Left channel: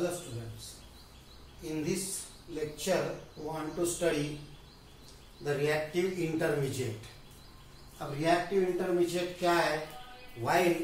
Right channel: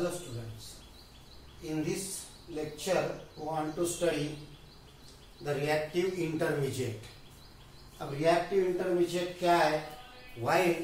Hello students, in this lecture we want to study the reactive intermediate. अब reactive intermediate क्या है? While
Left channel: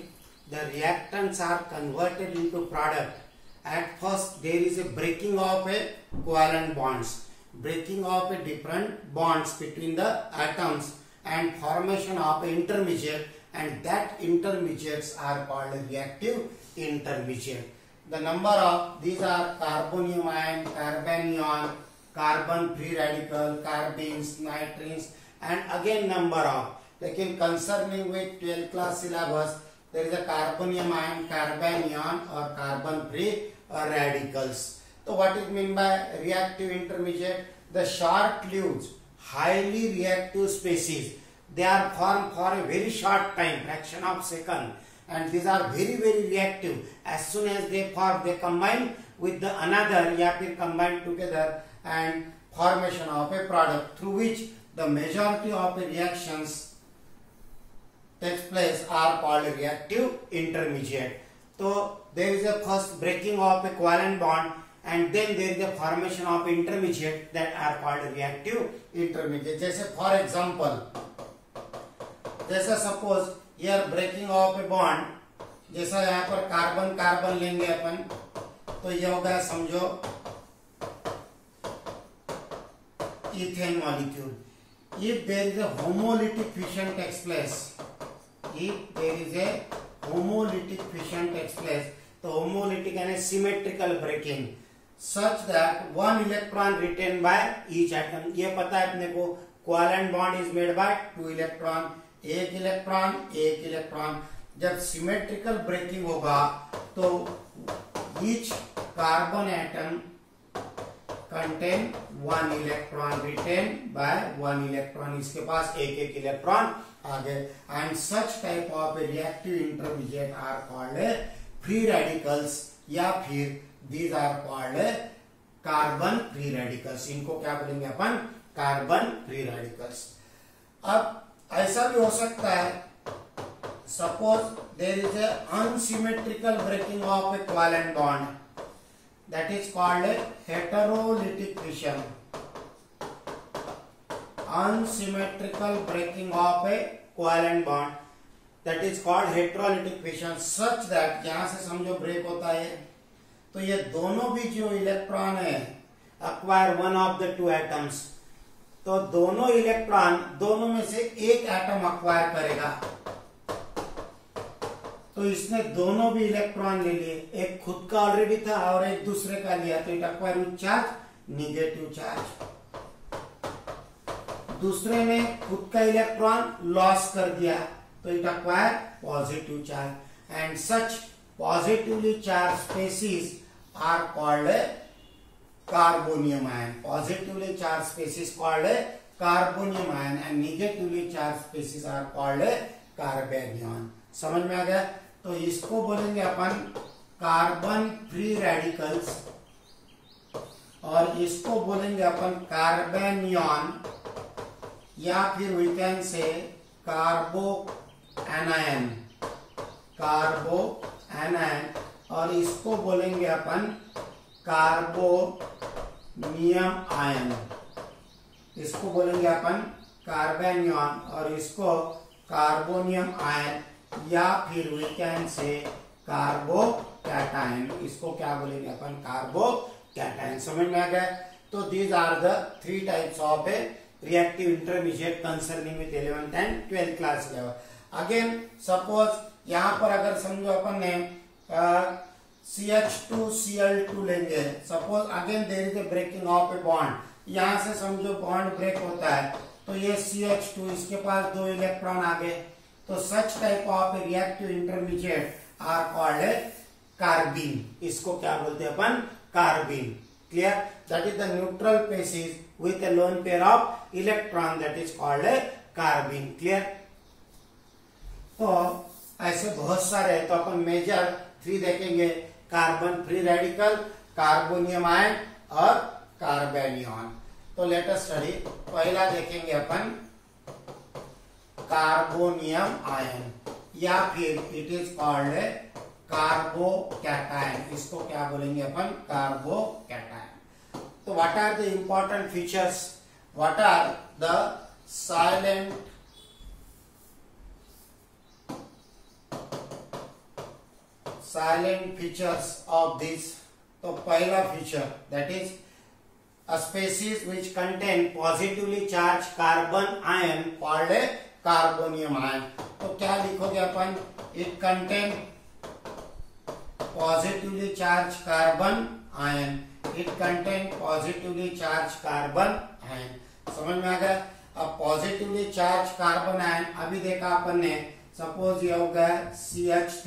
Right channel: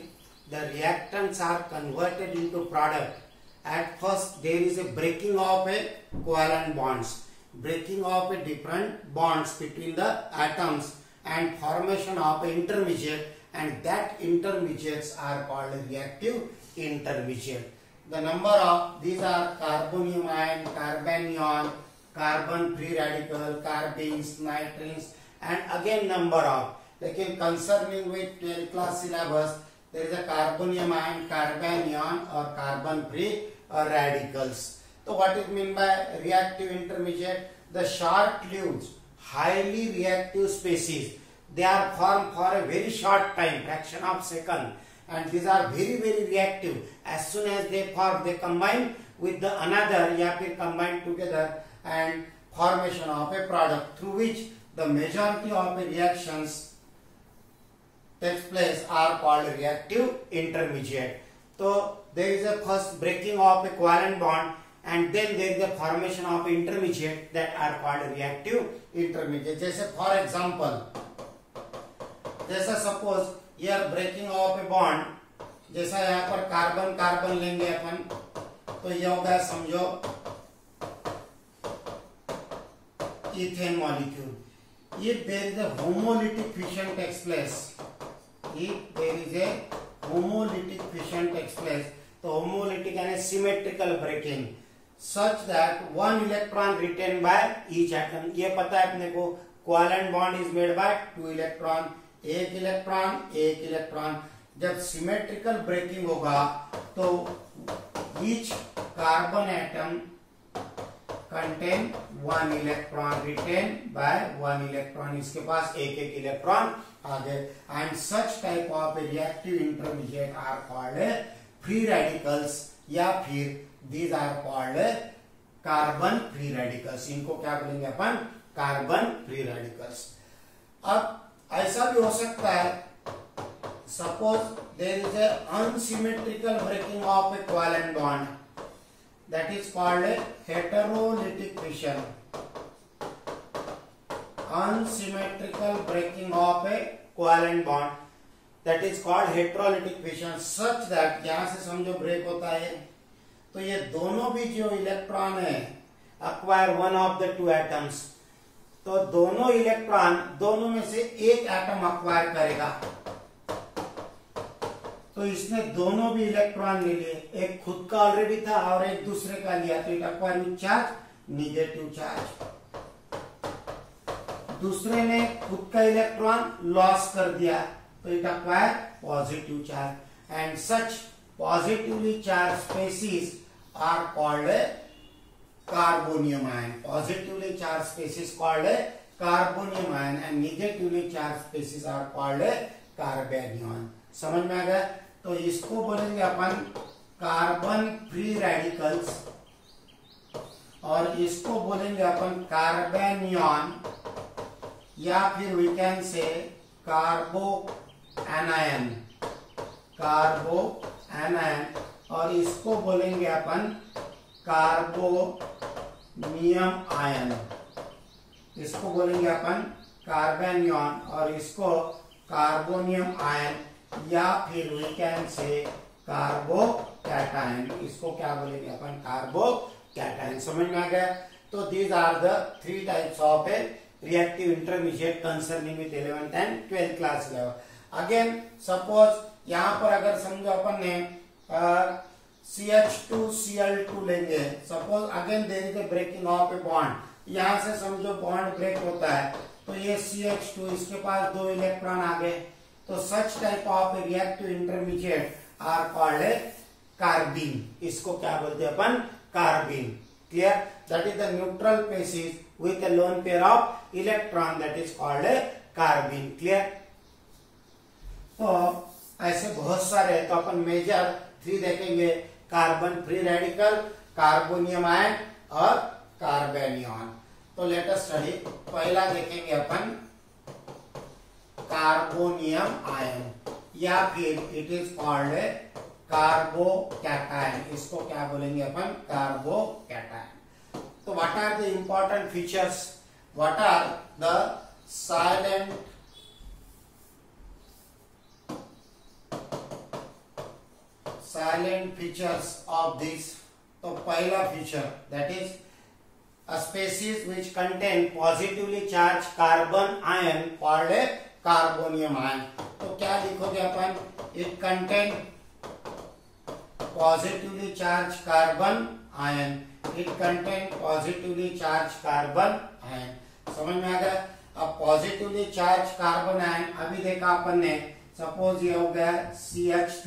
the reactants are converted into product, at first there is a breaking of a covalent bonds, breaking of a different bonds between the atoms and formation of an intermediate, and that intermediates are called a reactive intermediate. The number of these are carbonium ion, carbanion, carbon free radical, carbenes, nitrines, and again number of. लेकिन concerning with 12th class syllabus, there is a carbonium ion, carbanion or carbon free radicals. So what is meant by reactive intermediate? The short-lived, highly reactive species. They are formed for a very short time, fraction of second. And these are very reactive. As soon as they form, they combine with the another, या फिर combine together and formation of a product through which the majority of the reactions takes place are called reactive intermediate. So there is a first breaking of a covalent bond, and then there is a formation of intermediate that are called reactive intermediate. जैसे for example, जैसा suppose here breaking of a bond, जैसा यहाँ पर carbon carbon लेंगे अपन, तो ये होगा समझो ethane molecule. If there is a homolytic fission takes place, if there is a homolytic fission takes place, तो homolytic यानी symmetrical breaking, such that one electron retained by each atom. ये पता है अपने को, covalent bond is made by two electron, एक electron. जब symmetrical breaking होगा तो each carbon atom contain one electron retained by one electron. इसके पास एक इलेक्ट्रॉन आ गए. And such type of reactive intermediate are called free radicals, या फिर these are called carbon free radicals. इनको क्या बोलेंगे अपन? Carbon free radicals. अब ऐसा भी हो सकता है, suppose there is a unsymmetrical breaking of a covalent bond, that is called heterolytic fission. Unsymmetrical breaking of a covalent bond, that is called heterolytic fission. Such that यहां से समझो break होता है, तो ये दोनों भी जो इलेक्ट्रॉन है acquire one of the two atoms, तो दोनों इलेक्ट्रॉन दोनों में से एक एटम अक्वायर करेगा. तो इसने दोनों भी इलेक्ट्रॉन ले लिए, एक खुद का ऑलरेडी था और एक दूसरे का लिया, तो it acquire with charge negative charge. दूसरे ने खुद का इलेक्ट्रॉन लॉस कर दिया, तो it acquire positive charge. And such positively charge species are called carbonium ion. Positively charged species called carbonium ion and negatively charged species are called carbanion. समझ में आ गया? तो इसको बोलेंगे अपन कार्बन फ्री रेडिकल्स और इसको बोलेंगे अपन कार्बेनियन, या फिर वी कैन से कार्बो एनायन, और इसको बोलेंगे अपन कार्बोनियम आयन. इसको बोलेंगे अपन कार्बेनियन और इसको कार्बोनियम आयन, या फिर वी कैन से कार्बोकैटायन. इसको क्या बोलेंगे अपन? कार्बोकैटायन. समझ में आ गया? तो these are the three types of a reactive intermediate concerning with 11th and 12th class level. Again suppose यहां पर अगर समझो अपन ने CH2Cl2 लेंगे, suppose again there is a breaking of a bond. यहां से समझो बॉन्ड ब्रेक होता है, तो ये CH2, इसके पास दो इलेक्ट्रॉन आ गए, तो such type of reactive intermediate are called carbene. इसको क्या बोलते हैं अपन? Carbene. Clear? That is the neutral species with a lone pair of electron, that is called carbene. Clear? तो ऐसे बहुत सारे, तो अपन मेजर थ्री देखेंगे: carbon free radical, carbonium ion और कार्बेनियन. तो लेट अस स्टडी. पहला देखेंगे अपन कार्बोनियम आयन, या फिर इट इज कॉल्ड कार्बोकैटायन, इसको क्या बोलेंगे अपन, कार्बोकैटायन। तो what are the important features, what are the salient features of this. तो पहला feature that is a species which contain positively charged carbon ion called a carbonium ion। तो क्या लिखोगे अपन, it contain positively charged carbon ion, it contain positively charged carbon ion। समझ में आ गया। अब पॉजिटिवली चार्ज कार्बन आयन, अभी देखा अपन ने, सपोज ये हो गया CH3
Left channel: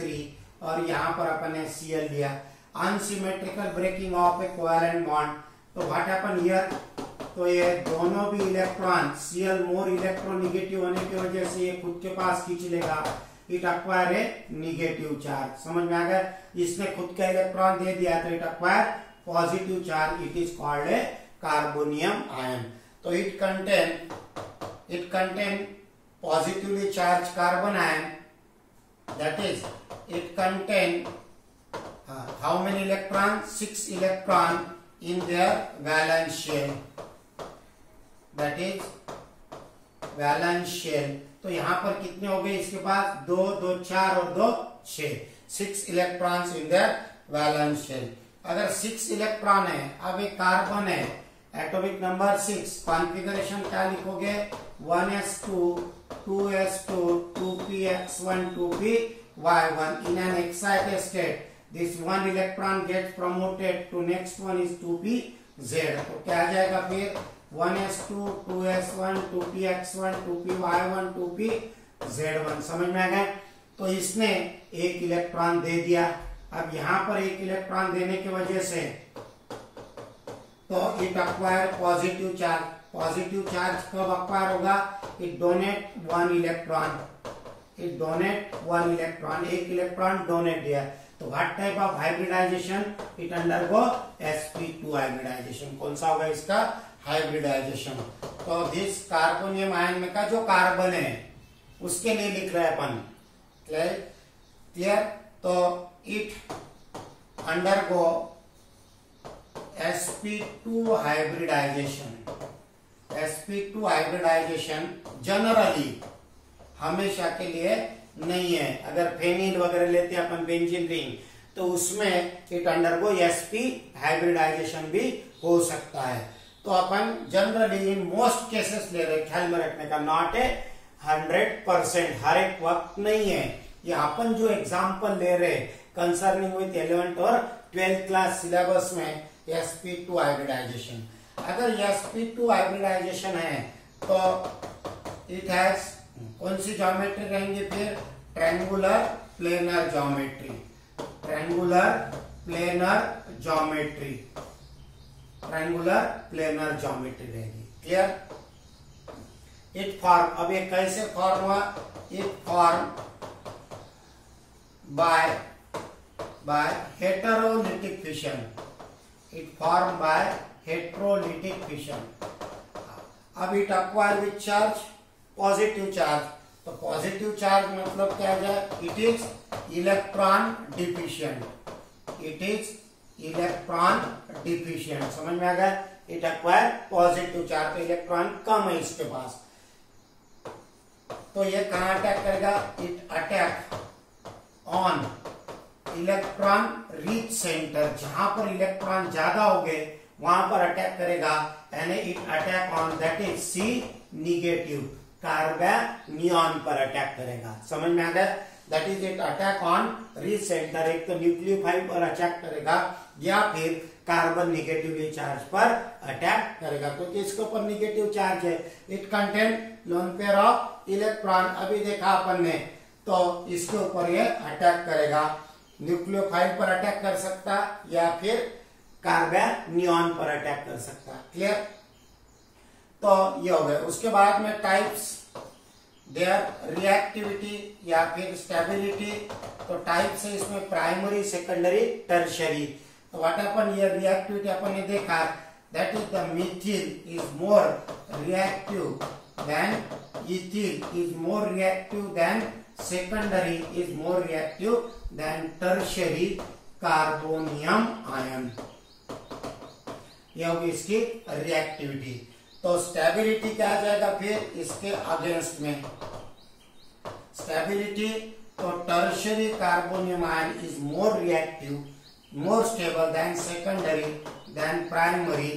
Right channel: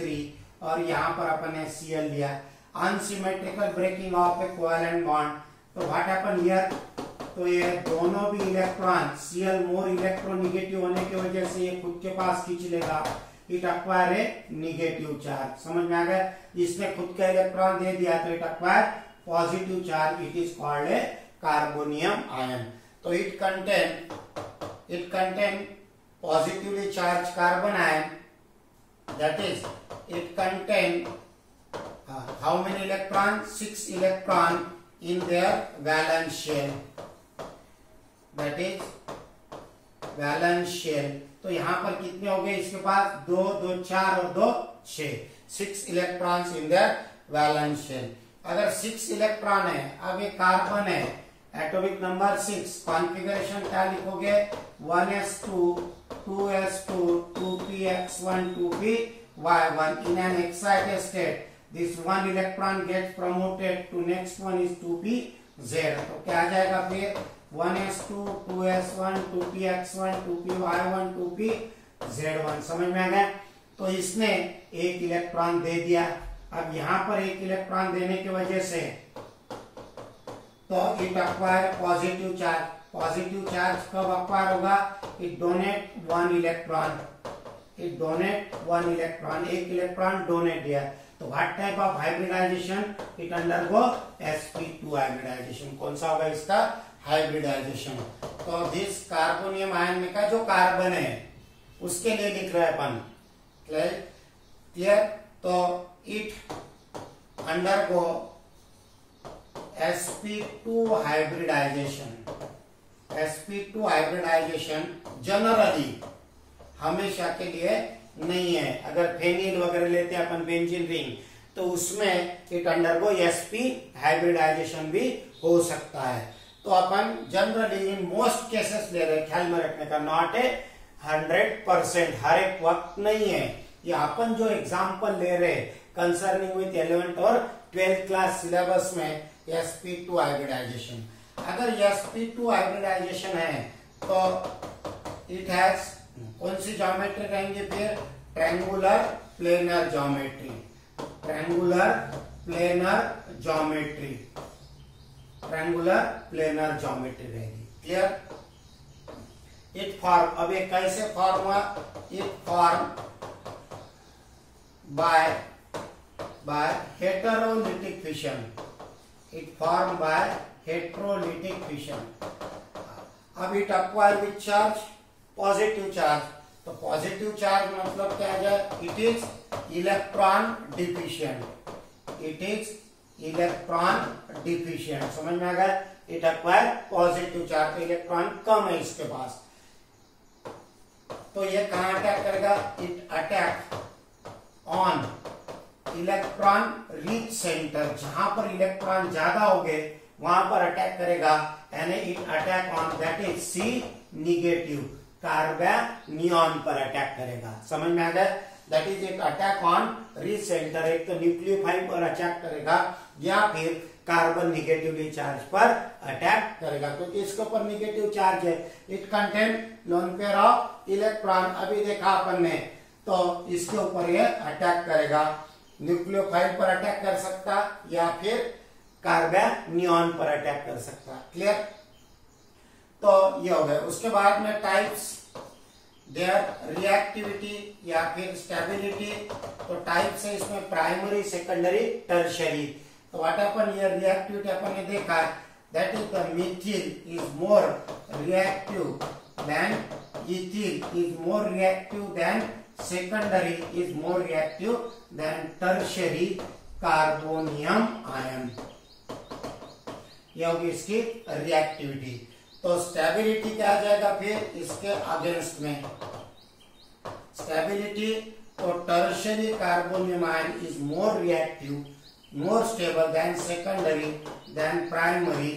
और यहाँ पर अपन ने Cl लिया, unsymmetrical breaking of a covalent bond. तो व्हाट हैपन हियर, तो ये दोनों भी इलेक्ट्रॉन, Cl मोर इलेक्ट्रोनिगेटिव होने की वजह से ये खुद के पास खींच लेगा, it acquire A negative charge. समझ में आ गया, इसने खुद का इलेक्ट्रॉन दे दिया तो it acquire positive charge, it is called A carbonium ion. तो it contain positively charged carbon ion, that is it contain how many electrons, 6 electron in their valence shell, that is valence shell। तो यहाँ पर कितने हो गए इसके पास, 2 2 4 और 2 6, 6 electrons in their valence shell. अगर 6 इलेक्ट्रॉन है, अब एक कार्बन है, एटॉमिक नंबर 6, कॉन्फ़िगरेशन क्या लिखोगे, 1s2 2s2 2px1 2py1 in an excited state this one electron gets promoted to next one is 2pz। तो क्या आ जाएगा फिर, 1s2 2s1 2px1 2py1 2pz1। समझ में आ गया। तो इसने एक इलेक्ट्रॉन दे दिया, अब यहाँ पर एक इलेक्ट्रॉन देने की वजह से तो it acquire positive charge. Positive charge कब अक्वायर होगा, it donate 1 electron, it donate 1 electron, एक इलेक्ट्रॉन डोनेट दिया। तो what type of hybridization, it undergo sp2 hybridization. कौन सा होगा इसका, हाइब्रिडाइजेशन। तो दिस कार्बोनियम आयन में का जो कार्बन है उसके लिए लिख रहे हैं अपन, क्लियर। तो it undergo sp2 hybridization. sp2 hybridization generally हमेशा के लिए नहीं है। अगर फेनिल वगैरह लेते हैं अपन, बेंजीन रिंग, तो उसमें इट अंडरगो sp हाइब्रिडाइजेशन भी हो सकता है। तो अपन जनरली इन मोस्ट केसेस ले रहे, ख्याल में रखने का, नॉट ए 100%, हर एक वक्त नहीं है। ये अपन जो एग्जाम्पल ले रहे कंसर्निंग विथ 11th और 12th क्लास सिलेबस में sp2 हाइब्रिडाइजेशन। अगर sp2 हाइब्रिडाइजेशन है तो इट हैज कौन सी ज्योमेट्री रहेंगे फिर, triangular planar geometry, triangular planar geometry, triangular planar geometry रहेगी, क्लियर। इट फॉर्म, अब ये कैसे फॉर्म हुआ, it form by heterolytic fission, it formed by heterolytic fission। अब it acquire with charge, positive charge। तो पॉजिटिव चार्ज मतलब क्या है, it is electron deficient, it is electron deficient. समझ में आ गया, इट एक्वायर पॉजिटिव चार्ज, तो इलेक्ट्रॉन कम है इसके पास। तो ये कहां अटैक करेगा, it attack on electron rich centre, जहां पर इलेक्ट्रॉन ज्यादा हो गए वहां पर अटैक करेगा, यानी it attack on that is C negative, carbanion पर अटैक करेगा। समझ में आ गया, that is it attack on rich centre, एक तो न्यूक्लियोफाइल पर अटैक करेगा या फिर कार्बन निगेटिवली चार्ज पर अटैक करेगा, क्योंकि इसके ऊपर निगेटिव चार्ज है। It contain lone pair of electron, अभी देखा अपन ने, तो इसके ऊपर ये अटैक करेगा, न्यूक्लियोफाइल पर अटैक कर सकता या फिर कार्बोनियन पर अटैक कर सकता, क्लियर। तो ये हो गया। उसके बाद में टाइप्स, देयर रिएक्टिविटी या फिर स्टेबिलिटी। तो टाइप्स है इसमें प्राइमरी, सेकेंडरी, टर्शियरी। तो व्हाट हैपन, ये रिएक्टिविटी अपन ने देखा, that is the Mithil is more reactive than ethyl, is more reactive than secondary is more reactive than tertiary carbonium ion. ये होगी इसकी रिएक्टिविटी। तो स्टेबिलिटी क्या आ जाएगा फिर इसके अगेंस्ट में? स्टेबिलिटी तो tertiary carbonium ion is more reactive, more stable than secondary than primary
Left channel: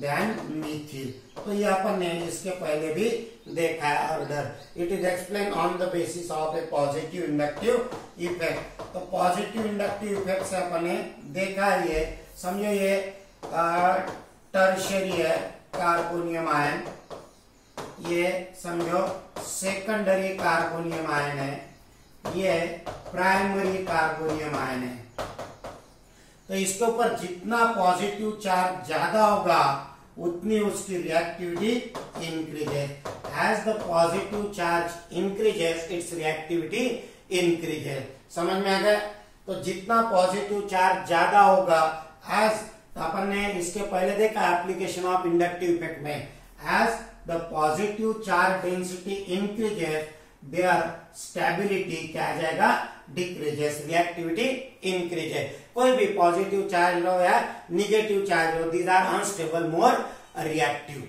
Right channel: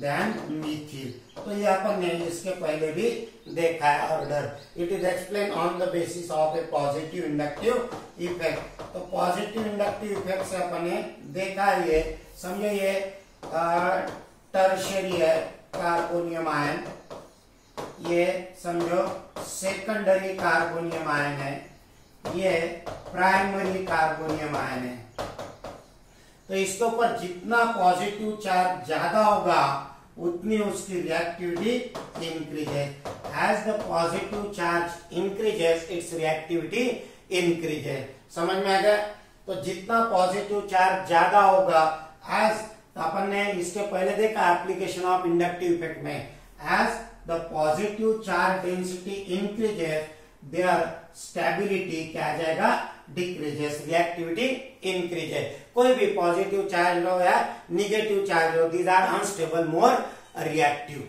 than methyl। तो ये अपन ने इसके पहले भी देखा है order. It is explain on the basis of a positive inductive effect. तो पॉजिटिव इंडक्टिव इफेक्ट से अपन ने देखा ये, समझो ये टर्शियरी है कार्बोनियम आयन, ये समझो सेकेंडरी कार्बोनियम आयन है, ये प्राइमरी कार्बोनियम आयन है। तो इसके ऊपर जितना पॉजिटिव चार्ज ज्यादा होगा उतनी उसकी reactivity increases. As the positive charge increases its reactivity increases. समझ में आ गया? तो जितना पॉजिटिव चार्ज ज्यादा होगा, एज अपन ने इसके पहले देखा एप्लीकेशन ऑफ इंडक्टिव इफेक्ट में, as the positive charge density increases their stability क्या आ जाएगा? Decreases, reactivity increases. कोई भी पॉजिटिव चार्ज लो या निगेटिव चार्ज लो, these are unstable, more reactive.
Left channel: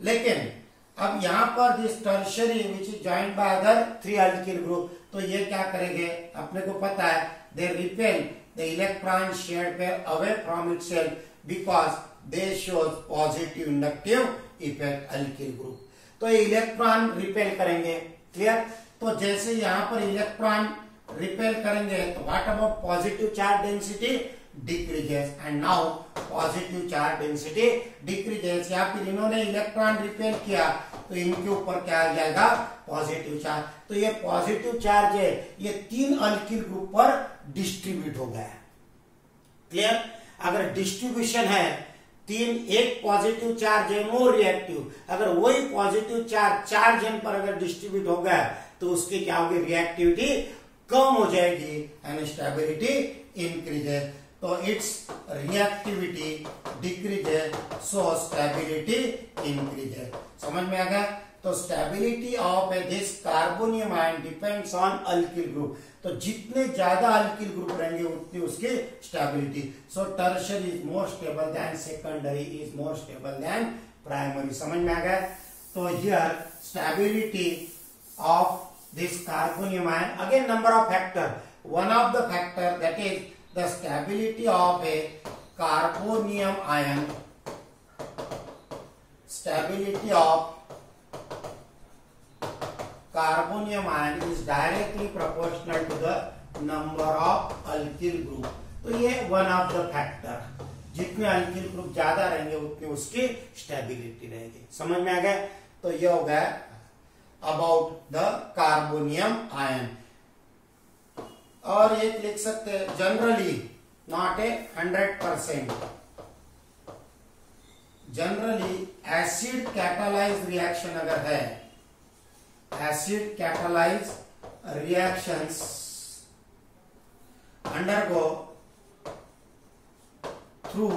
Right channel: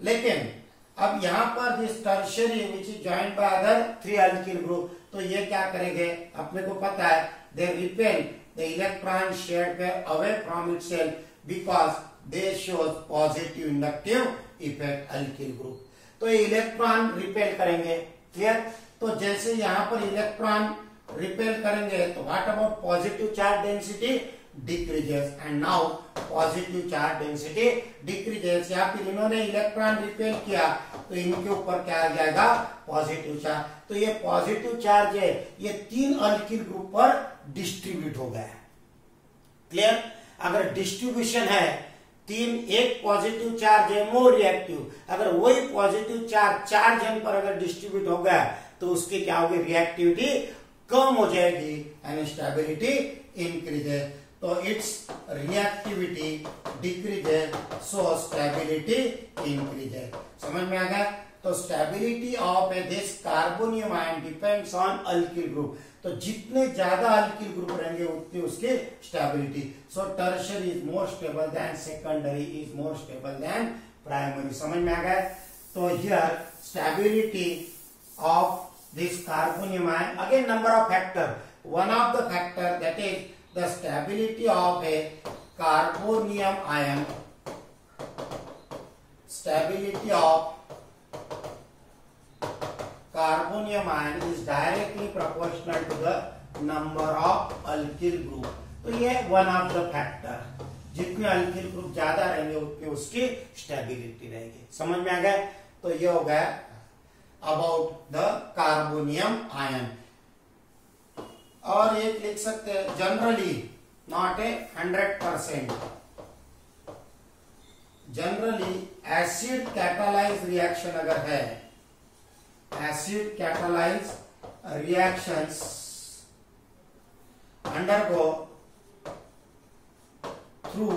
लेकिन अब यहाँ पर this tertiary which is joined by other 3 alkyl group, तो ये क्या करेंगे? अपने को पता है they repel the electron shared pair away from itself because they shows positive inductive effect alkyl group. तो ये इलेक्ट्रॉन रिपेल करेंगे, क्लियर? तो जैसे यहाँ पर इलेक्ट्रॉन रिपेल करेंगे तो what about positive charge density? Decreases. And now positive charge density decreases. या फिर इन्होंने इलेक्ट्रॉन रिपेल किया तो इनके ऊपर क्या आ जाएगा? Positive charge. तो ये पॉजिटिव चार्ज है, ये 3 अल्किल ग्रुप पर डिस्ट्रीब्यूट हो गया, क्लियर? अगर डिस्ट्रीब्यूशन है 3, एक पॉजिटिव चार्ज है मोर रिएक्टिव, अगर वही पॉजिटिव चार्ज 4 जन पर अगर डिस्ट्रीब्यूट हो गया तो उसकी क्या होगी? रिएक्टिविटी कम हो जाएगी एंड स्टेबिलिटी इंक्रीजेस। तो it's reactivity decreases, so stability increases. समझ में आ गया? तो stability of this carbonium ion depends on alkyl group. तो जितने ज्यादा अल्किल ग्रुप रहेंगे उतनी उसकी stability. So tertiary is more stable than secondary, is more stable then primary. समझ में आ गया? तो here stability of this carbonium ion, again number of factor, one of the factor that is the stability of a carbonium ion, stability of carbonium ion is directly proportional to the number of alkyl group। तो ये one of the factor, जितने alkyl group ज्यादा रहेंगे उतनी उसकी stability रहेगी। समझ में आ गया? तो ये हो गया अबाउट द कार्बोनियम आयन। और एक लिख सकते हैं generally not a 100%, generally acid catalyse reaction अगर है, acid catalyse reactions undergo through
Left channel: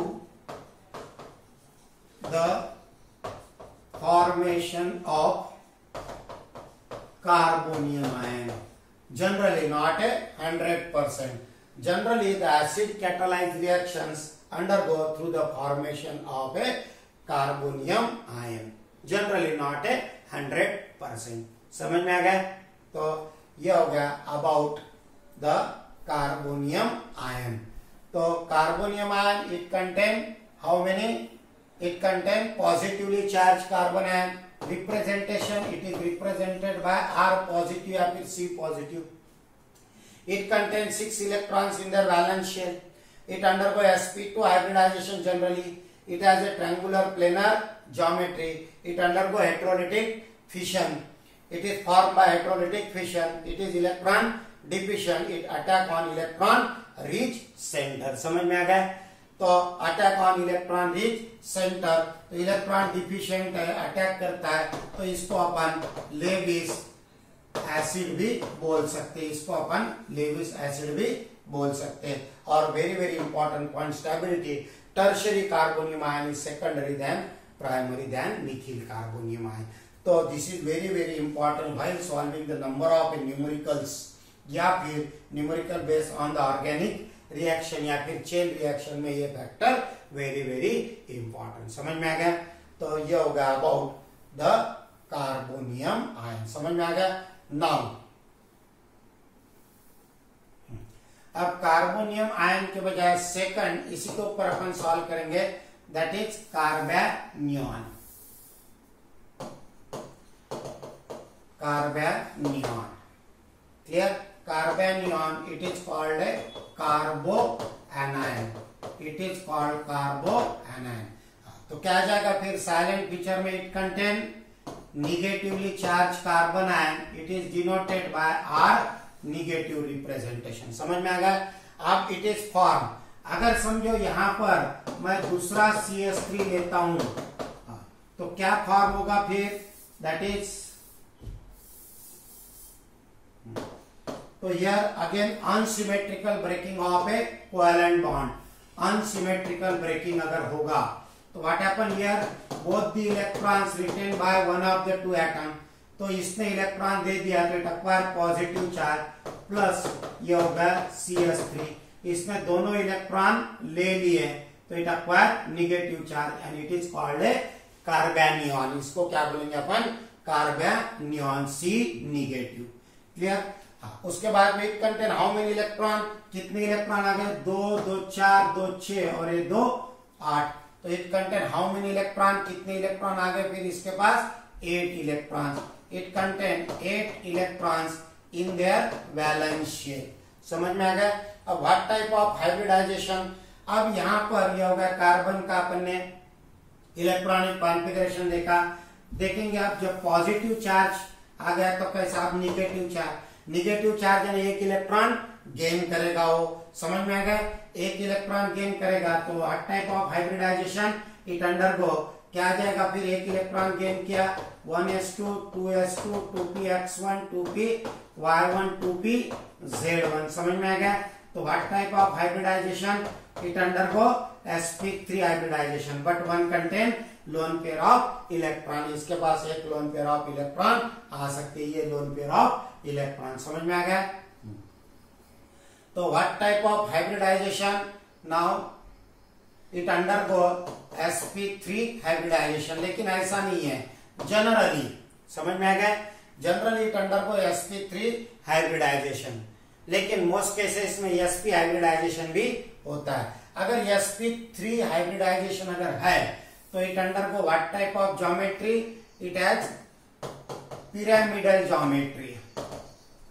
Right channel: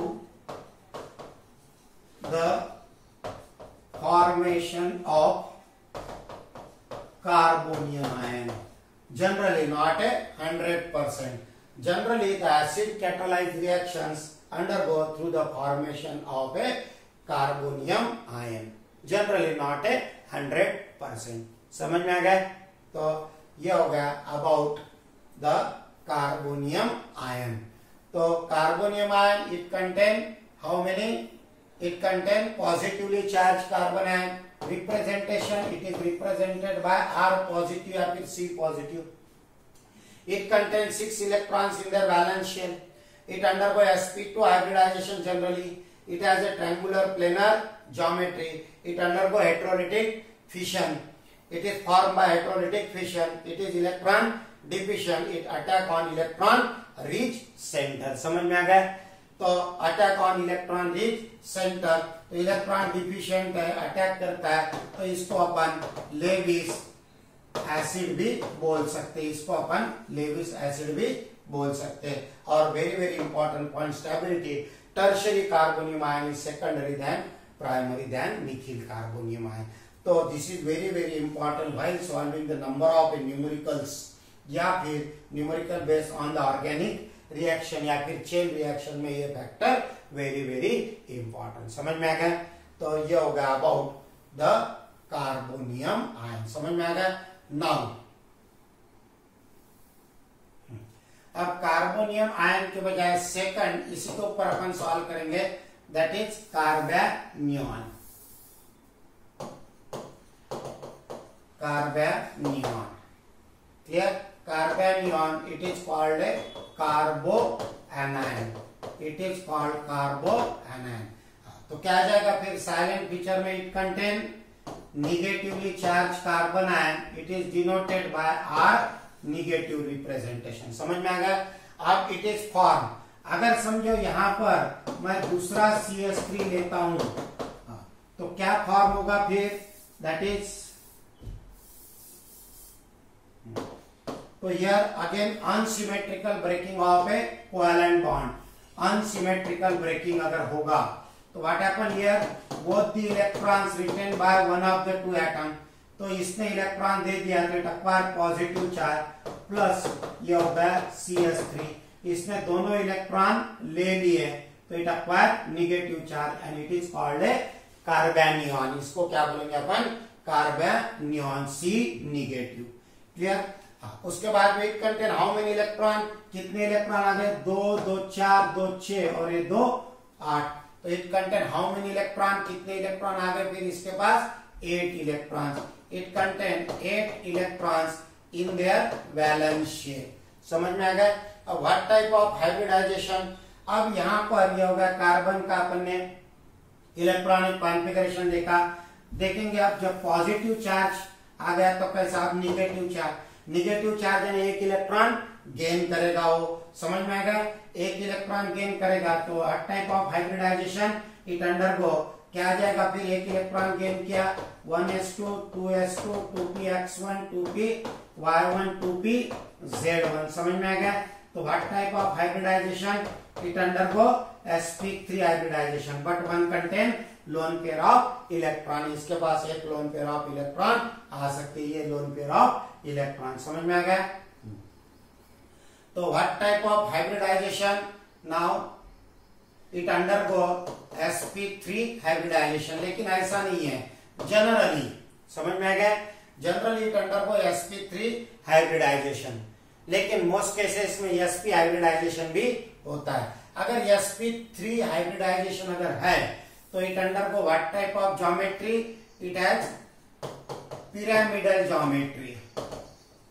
the formation of carbonium ion, generally not a 100%. Generally the acid catalyzed reactions undergo through the formation of a carbonium ion, generally not a 100%। समझ में आ गया? तो ये हो गया about the carbonium ion। तो carbonium ion it contain how many? It contain positively charged carbon ion। Representation, it is represented by R positive या फिर C positive। It contains 6 electrons in their valence shell। It undergo sp2 hybridization generally। It has a triangular planar geometry। It undergo heterolytic fission। It is formed by heterolytic fission। It is electron diffusion। It attack on electron rich center। समझ में आ गया? तो attack on electron rich centre, तो electron deficient है, attack करता है, तो इसको अपन लेविस एसिड भी बोल सकते हैं, इसको अपन लेविस एसिड भी बोल सकते हैं। और very very important point, stability, tertiary carbonium ion is secondary than primary than methyl carbonium ion. तो this is very very important while solving the number of numericals या फिर numerical based on the organic reaction या फिर chain reaction में ये factor very very important. समझ में आ गया? तो ये हो गया अबाउट द कार्बोनियम आयन। समझ में आ गया? नाउ अब कार्बोनियम आयन के बजाय सेकंड इसी के ऊपर अपन सॉल्व करेंगे, that is carbanion. Carbanion clear? Carbanion it is called a carbo anion, it is called carbo anion. तो क्या आ जाएगा फिर? साइलेंट फीचर में it contain negatively charged carbon ion, it is denoted by R negative representation। समझ में आ गया? अब it is form, अगर समझो यहां पर मैं दूसरा CH3 लेता हूं तो क्या फॉर्म होगा फिर? दैट इज तो here again unsymmetrical breaking of a covalent bond, unsymmetrical breaking अगर होगा तो what happen here? Both the electrons written by one of the two atom. तो इसने इलेक्ट्रॉन दे दिया तो it acquire positive charge plus ये हो गया CH3, इसने दोनों इलेक्ट्रॉन ले लिए तो it acquire negative charge and it is called a carbanion. इसको क्या बोलेंगे अपन? Carbanion, C negative. क्लियर? उसके बाद में it contain how many electron? कितने इलेक्ट्रॉन आ गए? 2 2 4 2 6 और ये 2 8। तो it contain how many electron? कितने इलेक्ट्रॉन आ गए फिर इसके पास? 8 electron. It contain 8 electrons in their valence shell. समझ में आ गया? अब व्हाट टाइप ऑफ हाइब्रिडाइजेशन? अब यहां पर यह होगा कार्बन का अपन ने इलेक्ट्रॉनिक कॉन्फ़िगरेशन देखा, देखेंगे अब जब पॉजिटिव चार्ज आ गया तो कैसा? अब निगेटिव चार्ज, निगेटिव चार्ज यानी एक इलेक्ट्रॉन गेन करेगा वो। समझ में आ गया? एक इलेक्ट्रॉन गेन करेगा तो हर type of hybridization it undergo क्या आ जाएगा फिर? एक इलेक्ट्रॉन गेन किया 1s2 2s2 2px1 2py1 2pz1। समझ में आ गया? तो what type of hybridization? It undergo sp3 hybridization but one contain lone pair of electron. इसके पास एक लोन पेयर ऑफ इलेक्ट्रॉन आ सकते, ये लोन पेयर ऑफ इलेक्ट्रॉन। समझ में आ गया? तो what type of hybridization? Now it undergo sp3 hybridization, लेकिन ऐसा नहीं है जनरली। समझ में आ गया? Generally it undergo sp3 hybridization, लेकिन मोस्ट केसेस में sp हाइब्रिडाइजेशन भी होता है। अगर sp3 हाइब्रिडाइजेशन अगर है तो it undergo what type of geometry? It has pyramidal geometry,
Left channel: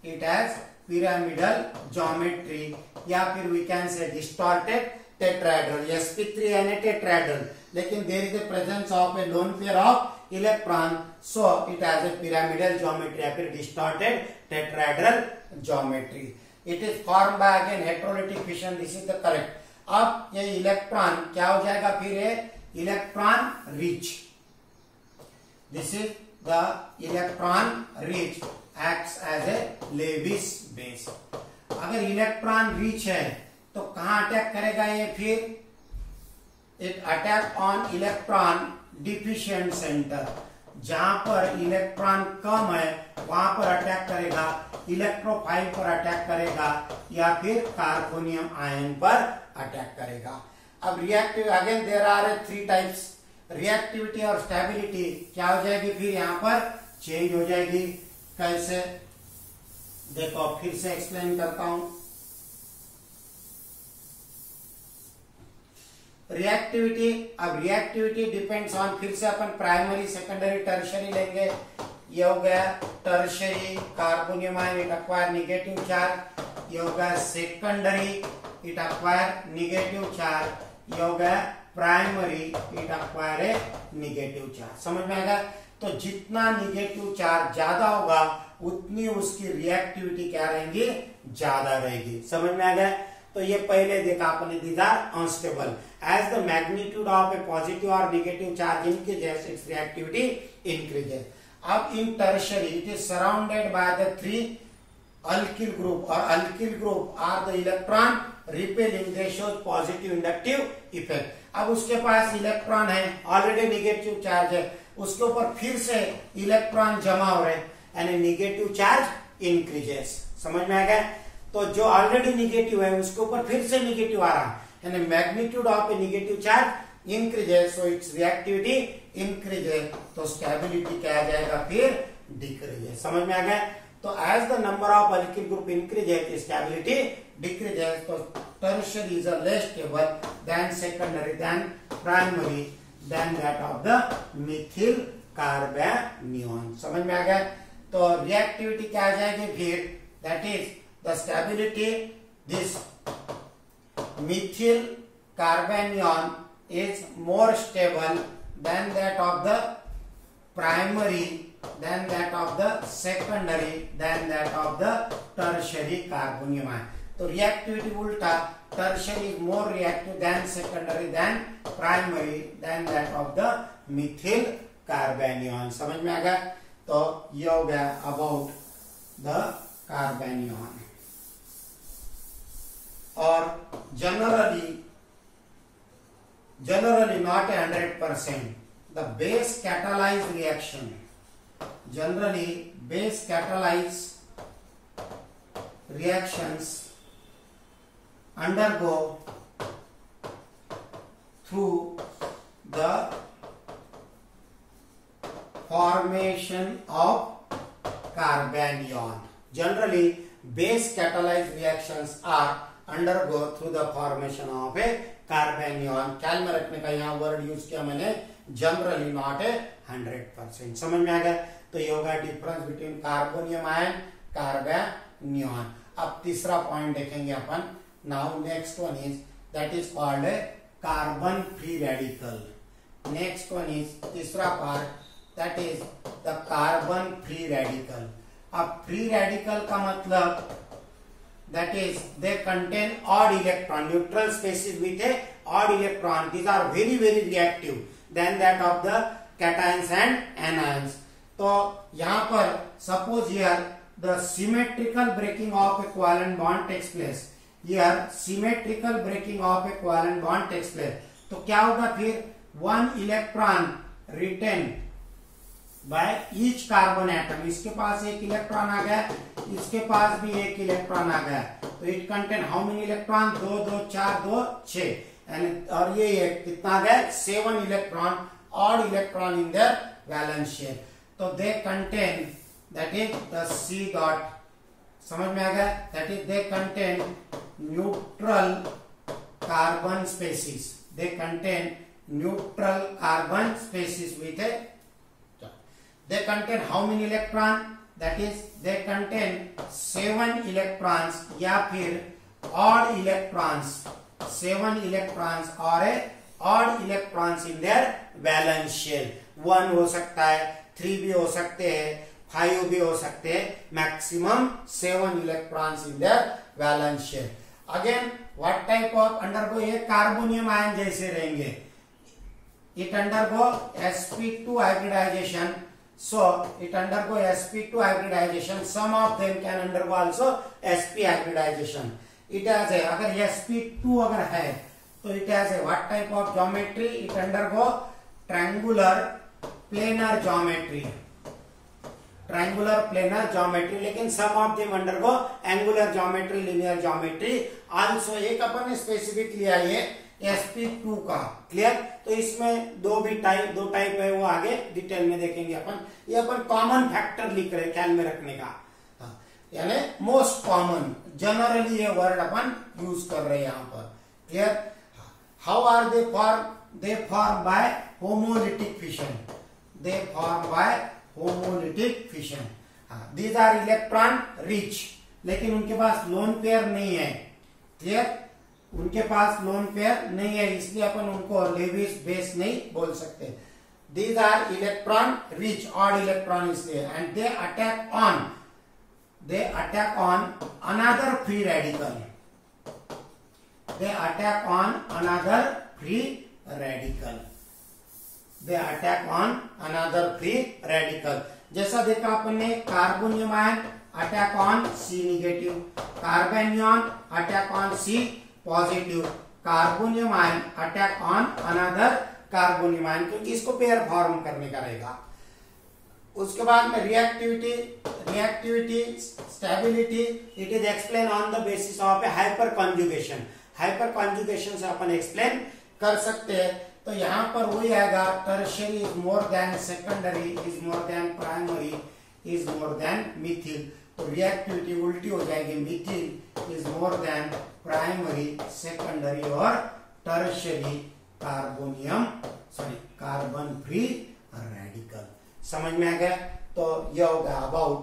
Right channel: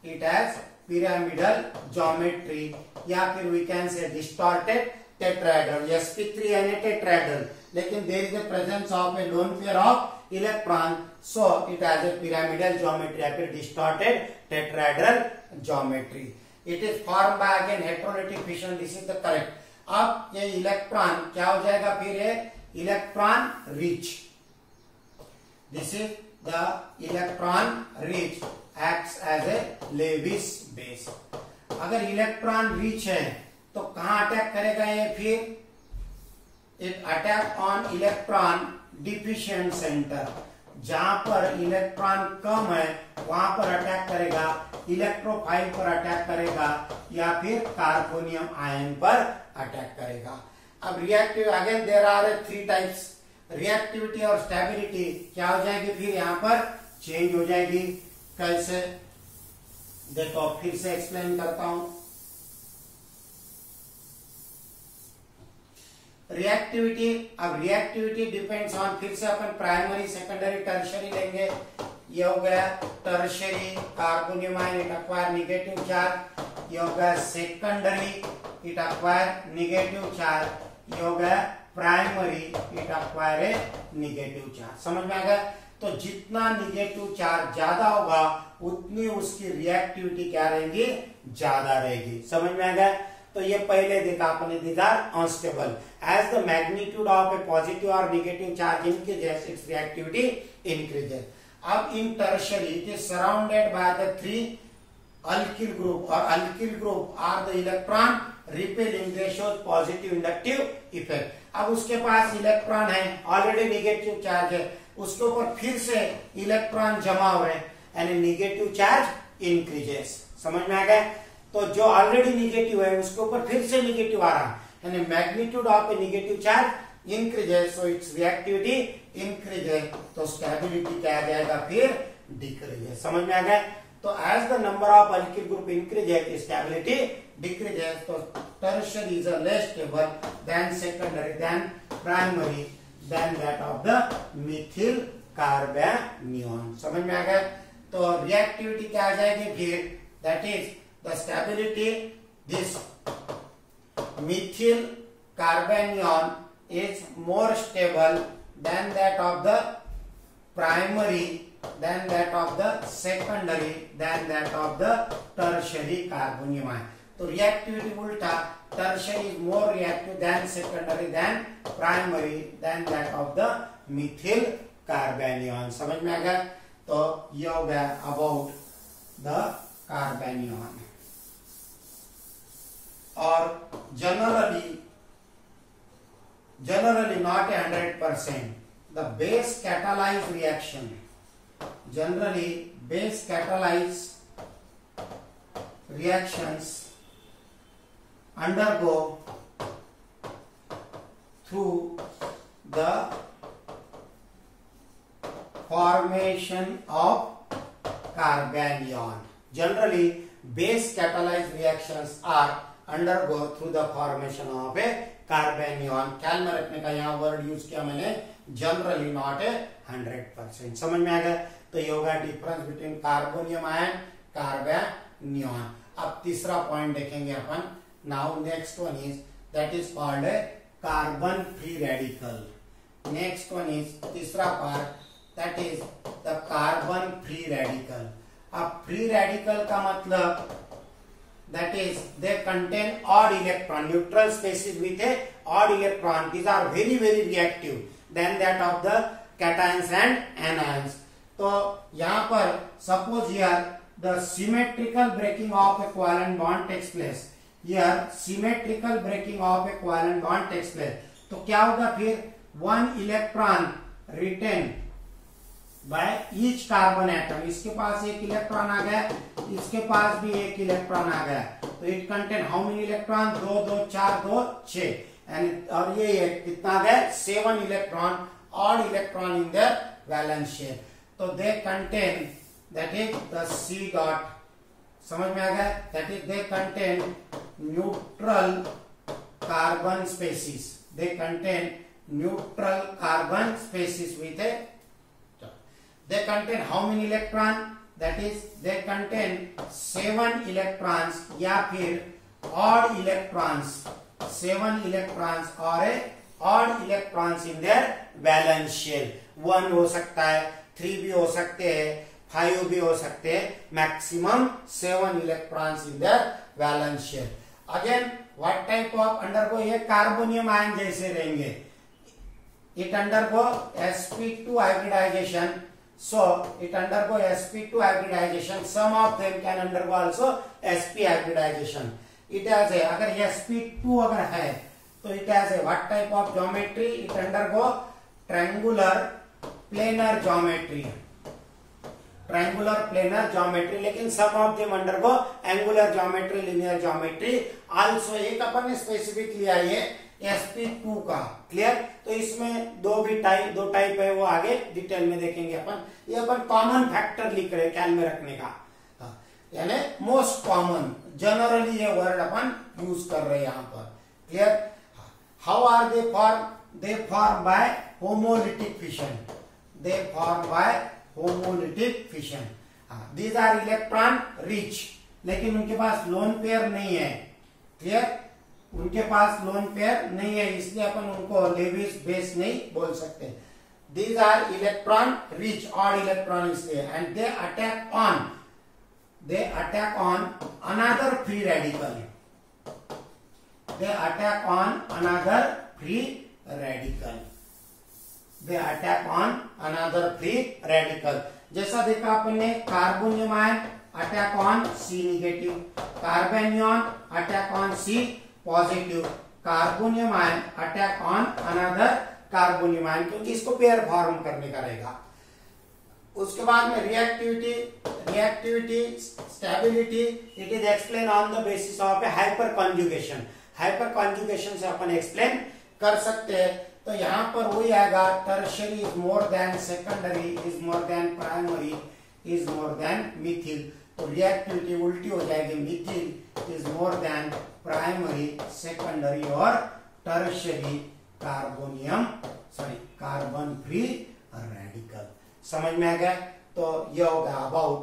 it has pyramidal geometry या फिर we can say distorted tetrahedral. sp3 यानी टेट्राहेड्रल, लेकिन there is the presence of a lone pair of electron, so it has a pyramidal geometry या फिर distorted tetrahedral geometry. It is form by again heterolytic fission, this is the correct. अब ये electron क्या हो जाएगा फिर? Electron rich, this is the electron rich acts as a Lewis base। अगर electron rich है तो कहां अटैक करेगा ये फिर? It attack on electron deficient centre, जहां पर इलेक्ट्रॉन कम है वहां पर अटैक करेगा, इलेक्ट्रोफाइल पर अटैक करेगा या फिर कार्बोनियम आयन पर अटैक करेगा। अब reactive again there are 3 types, reactivity और स्टेबिलिटी क्या हो जाएगी फिर? यहां पर चेंज हो जाएगी। कैसे? देखो फिर से एक्सप्लेन करता हूं। रिएक्टिविटी, अब रिएक्टिविटी डिपेंड्स ऑन, फिर से अपन प्राइमरी सेकेंडरी टर्शियरी लेंगे। ये हो गया tertiary, carbonium ion it acquire negative charge. ये हो गया secondary, it acquire negative charge. ये हो गया primary, it acquire A negative charge. समझ में आ गया? तो जितना निगेटिव चार्ज ज्यादा होगा उतनी उसकी रिएक्टिविटी क्या रहेगी? ज्यादा रहेगी। समझ में आ गया? तो ये पहले देखा आपने, these are unstable. As the magnitude of a positive और negative charge increases its reactivity increases. अब in tertiary it is surrounded by the 3 alkyl group, or alkyl group are the electron repelling, they shows positive inductive effect। अब उसके पास electron है, already negative charge है, उसके ऊपर फिर से electron जमा हो रहे हैं, यानी निगेटिव चार्ज इंक्रीजेस। समझ में आ गया? तो जो ऑलरेडी निगेटिव है उसके ऊपर फिर से निगेटिव आ रहा है, यानी magnitude of A negative charge increases, so it's reactivity increases, तो स्टेबिलिटी क्या आ जाएगा फिर डिक्रीजेस। समझ में आ गया? तो as the number of alkyl group increases stability decreases, तो tertiary is less stable than secondary than primary than that of the methyl carbanion. समझ में आ गया? तो रिएक्टिविटी क्या आ जाएगी फिर, that is the stability this methyl carbanion is more stable than that of the primary, than that of the secondary, than that of the tertiary carbonium ion. तो reactivity उल्टा, tertiary is more reactive than secondary, than primary, than that of the methyl carbanion. समझ में आ गया? तो ये हो गया about the carbanion. और generally not 100%. The base catalyzed reaction, generally base catalyzed reactions undergo through the formation of carbanion. Generally base catalyzed reactions are undergo through the formation of a carbanion. ख्याल में रखने का यहाँ word use किया मैंने, generally not a 100%. समझ में आ गया? तो ये होगा difference between carbonium ion carbanion. अब तीसरा पॉइंट देखेंगे अपन. Now next one is that is called a carbon free radical. Next one is तीसरा part, that is the carbon free radical. अब फ्री रेडिकल का मतलब that is they contain odd electron, neutral spaces with a odd electron. These are very reactive than that of the cations and anions. तो यहाँ पर suppose here the symmetrical breaking of a covalent bond takes place. Here symmetrical breaking of a covalent bond takes place. तो क्या होगा फिर, one electron retained by each carbon atom. इसके पास एक इलेक्ट्रॉन आ गया, इसके पास भी एक इलेक्ट्रॉन आ गया, तो it contain how many electron, 2 2 4 2 6, और ये कितना आ गया, 7 electron, odd electron in the valence shell. तो they contain that is the C dot. समझ में आ गया? That is they contain neutral carbon species. They contain neutral carbon species with a, they contain how many electron, that is they contain 7 electrons या फिर odd electrons, 7 electrons और odd electrons in their valence shell. 1 हो सकता है, 3 भी हो सकते हैं, 5 भी हो सकते हैं, maximum 7 electrons in their valence shell. Again what type of undergo, ये कार्बोनियम आयन जैसे रहेंगे. It undergo sp2 hybridization. So it undergo sp2 hybridization. Some of them can undergo also sp hybridization. It has a, अगर sp2 अगर है तो it has a what type of geometry? It undergo triangular planar geometry. Triangular planar geometry. लेकिन some of them undergo angular geometry, linear geometry. Also एक अपन ने specific लिया ये sp2 का. क्लियर? तो इसमें दो टाइप है, वो आगे डिटेल में देखेंगे अपन. ये अपन कॉमन फैक्टर लिख रहे हैं ख्याल में रखने का, यानी मोस्ट कॉमन, जनरली ये वर्ड अपन यूज कर रहे हैं यहाँ पर. Clear? How are they form? They form by homolytic fission. They form by homolytic fission. These are electron rich, लेकिन उनके पास लोन पेयर नहीं है. क्लियर? उनके पास लोन पेयर नहीं है, इसलिए अपन उनको लेविस बेस नहीं बोल सकते. These are electron rich, odd electron इसलिए, and they attack on another free radical. They attack on another free radical. They attack on another free radical. जैसा देखा अपन ने, carbonium ion attack on C negative, carbanion attack on C positive, carbonium ion attack on another carbonium ion, क्योंकि इसको pair form करने का रहेगा। उसके बाद में reactivity, stability, it is explain on the basis of A hyper conjugation. Hyper conjugation से अपन explain कर सकते हैं। तो यहाँ पर वही आएगा, tertiary is more than secondary, is more than primary, is more than Mithil. तो रिएक्टिविटी उल्टी हो जाएगी, Mithil is more than primary, secondary और टर्शियरी कार्बन फ्री रेडिकल। समझ में आ गया? तो ये होगा about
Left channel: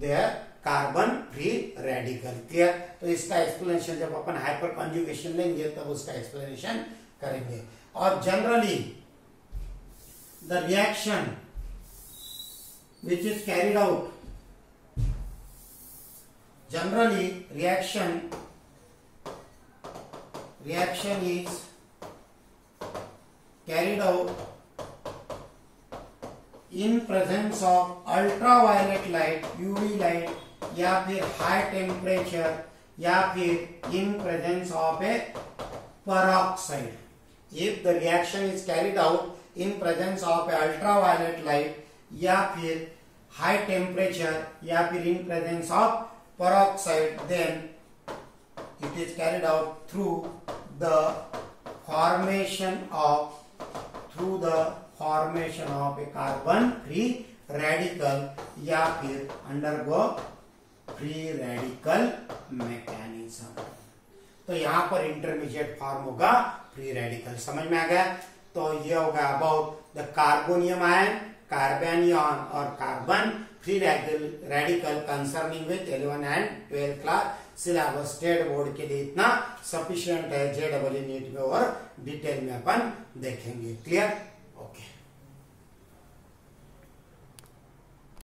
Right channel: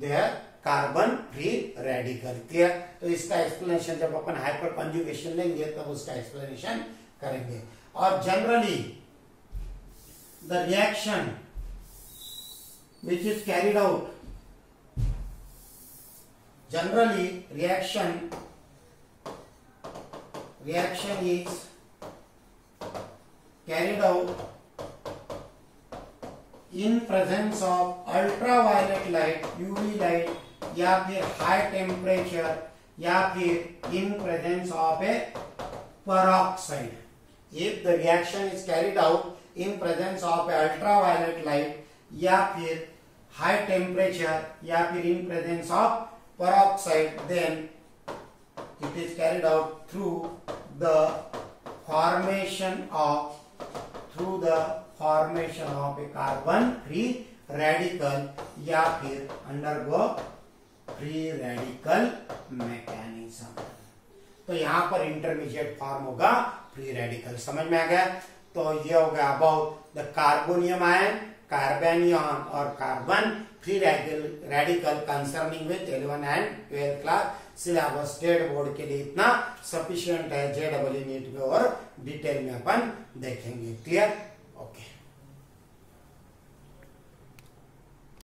their carbon free radical. Clear? तो इसका एक्सप्लेनेशन जब अपन हाइपर कॉन्जुगेशन लेंगे तब उसका एक्सप्लेनेशन करेंगे। और generally the reaction which is carried out, generally reaction is carried out in presence of ultraviolet light, UV light, या फिर हाई टेम्परेचर, या फिर in presence of a peroxide. If the reaction is carried out in presence of a ultraviolet light, या फिर high temperature, या फिर in presence of peroxide, then it is carried out through the formation of a carbon free radical, या फिर undergo free radical mechanism। तो यहाँ पर intermediate form होगा फ्री रेडिकल। समझ में आ गया? तो ये होगा अबाउट द कार्बोनियम आयन, कार्बेनियन और carbon free radical concerning with 11 and 12 class syllabus. State board के लिए इतना सफिशिएंट है। JEE नीट में और डिटेल में अपन देखेंगे। क्लियर? ओके।